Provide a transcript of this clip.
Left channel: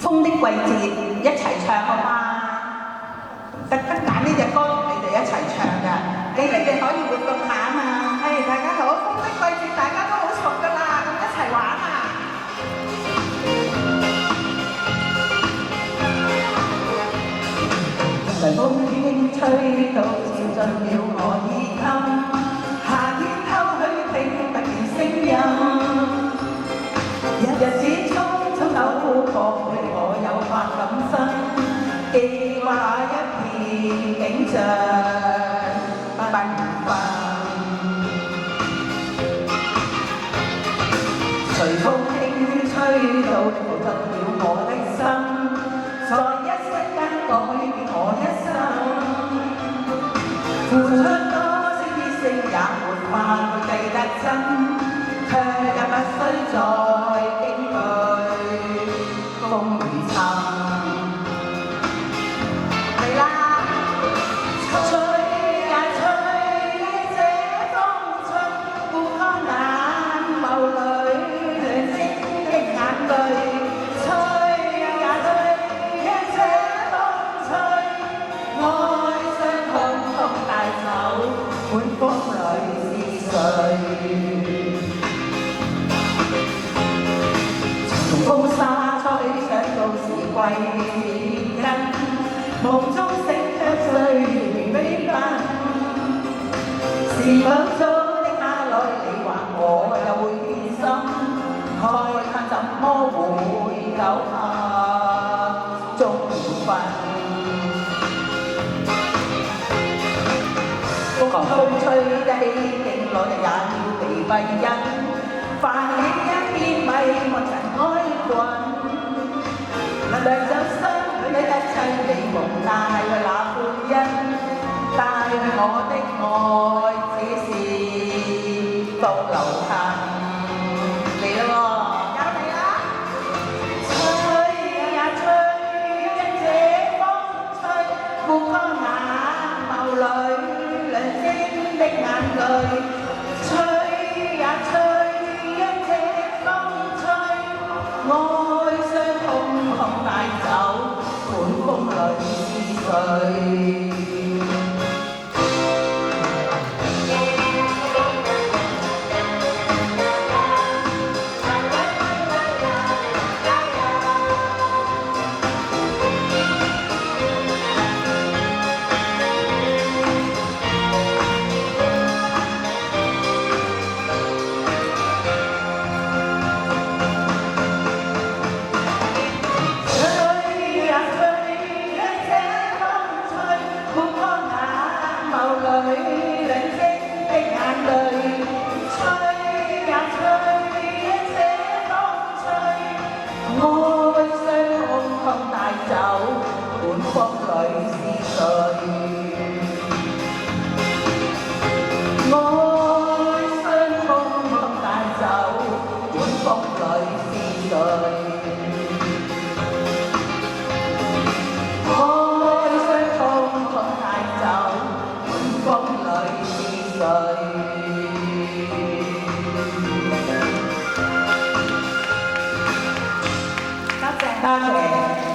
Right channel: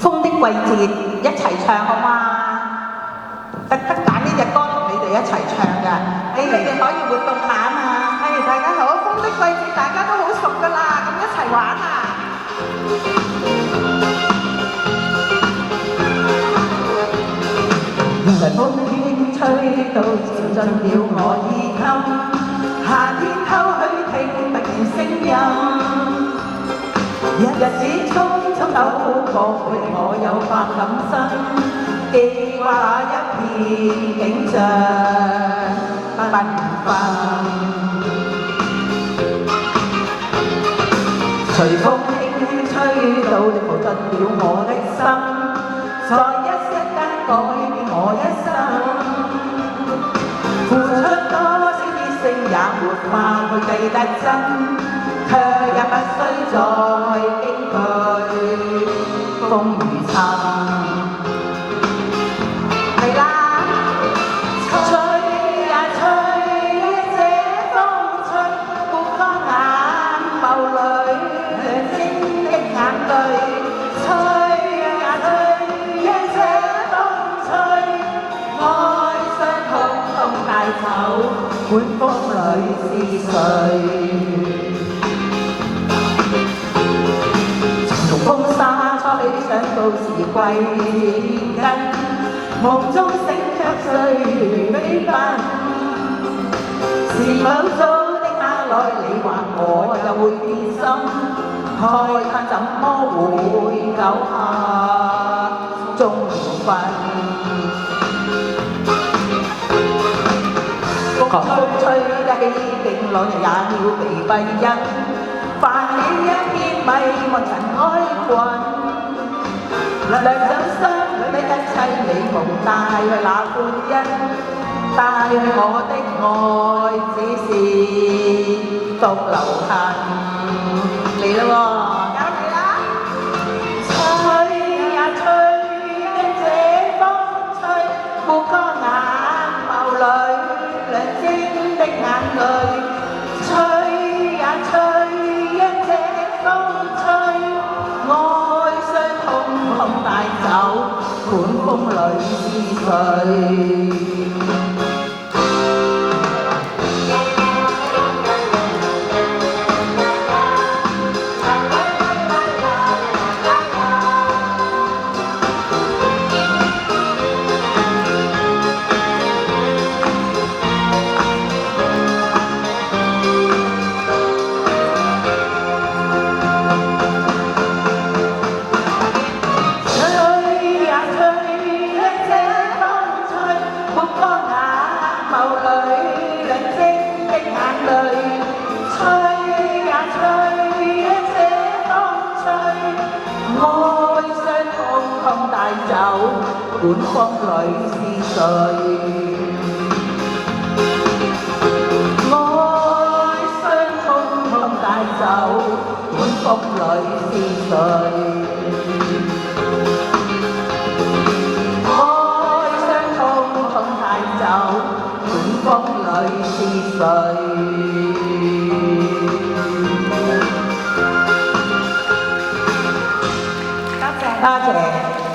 風的季節一齊唱好嗎？特登揀呢隻歌同你哋一齊唱㗎，你哋可以活動下啊嘛。係大家好，風的季節大家都好熟㗎啦，咁一齊玩啊！風輕吹到潮進了我衣襟，夏天偷去聽突然聲音，日子匆匆走過，陪我有法感生。記掛一片景象繽紛，隨風輕吹到抱出了我的心，在一息間改變我一生。付出多少熱誠也沒法去計得真，卻也不需再驚懼風雨侵。管風裏是誰？從風沙吹想到時歸根，夢中醒着歲月飛奔。是否早的那來你或我就會變心？慨嘆怎麼會久下終緣分？風吹得起勁浪，也要被閉印，泛起一片迷霧塵埃滾。來走心裏一切美夢帶去那歡欣，帶去我的愛只是獨留痕。嚟啦喎，交你啦！吹呀吹，因這風吹，目光眼眸裏。亮晶的眼淚，吹呀吹，因這風吹，愛傷通通帶走，管風裏是誰？管風裏是誰？愛傷通通帶走，管風裏是誰？